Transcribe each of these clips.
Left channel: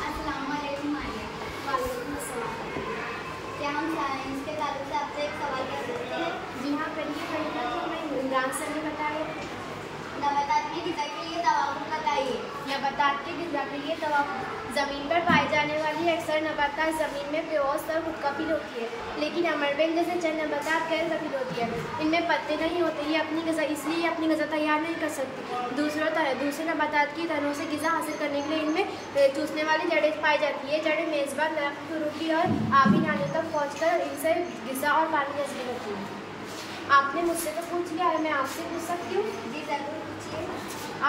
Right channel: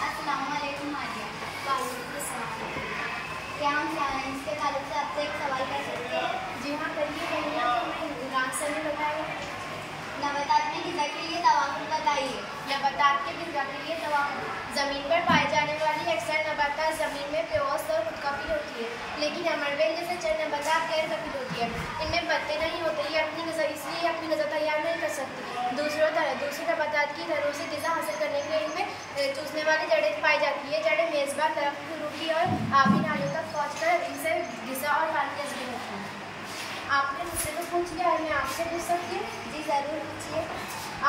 अस्सलामुअलैकुम मारिया। वालेकुम अस्सलाम। क्या हम साइंस के ताल्लुक से आपसे एक सवाल कर सकते हैं? जी हाँ, करिए करिए। तो मैं आंसर नहीं बताया। नबातात में ग़िज़ा के लिए तवाक़ुफ़ बताइए। नबातात के ग़िज़ा के लिए तवाक़ुफ़। ज़मीन पर पाई जाने वाली अक्सर नबातात ज़मीन में बेऔस और खुदकफील होती है, लेकिन अमरबेल जैसे चंद नबातात गैर कफील होती है। इनमें पत्ते नहीं होते, ये इसलिए अपनी ग़िज़ा तैयार नहीं कर सकती। दूसरे नबातात की तरह से ग़िज़ा हासिल करने के लिए इनमें चूसने वाली जड़ें पाई जाती है। जड़ें मेज़बान दरख्त की रूपी और आबी नाली तक पहुँचकर इनसे ग़िज़ा और पानी जज़्ब होती है। आपने मुझसे तो पूछ लिया है, मैं आपसे पूछ सकती हूँ? जी ज़रूर पूछिए।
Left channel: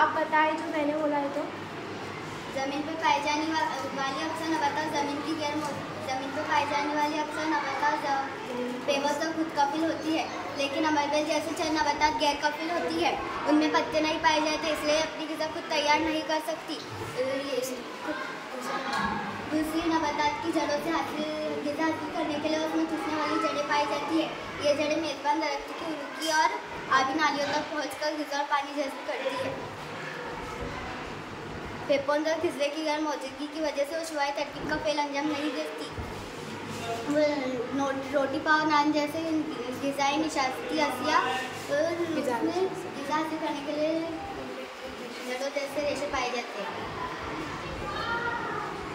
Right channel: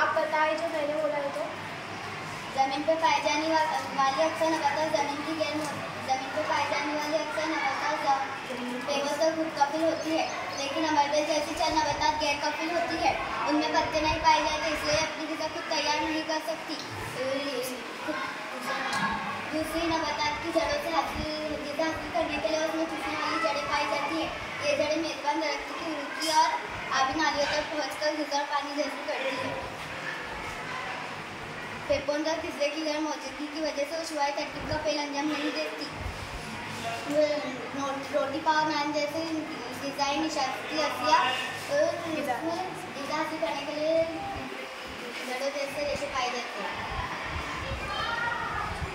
आप बताएं जो मैंने बोला है। तो ज़मीन पर पाई जाने वाली अक्सर नबातात ज़मीन पर पाई जाने वाली अक्सर नबातात बेबस और खुदकफील होती है, लेकिन अमरबेल जैसी चंद नबातात गैर कफील होती है। उनमें पत्ते नहीं पाए जाते, इसलिए अपनी ग़िज़ा खुद तैयार नहीं कर सकती। दूसरी नबातात की जड़ों से ग़िज़ा हासिल करने के लिए उसमें चूसने वाली जड़ें पाई जाती है। ये जड़ें मेज़बान दरख्त की रूखी और आबी नालियों तक पहुँचकर ग़िज़ा और पानी जज़्ब करती है। फेफड़ों और खिज़रे की गैर मौजूदगी की वजह से उशवाई तरकीब का फ़ेल अंजाम नहीं देती। रोटी पाव नान जैसे ग़िज़ाई निशास्ती अशिया ग़िज़ा हासिल करने के लिए जड़ों जैसे रेशे पाए जाते हैं।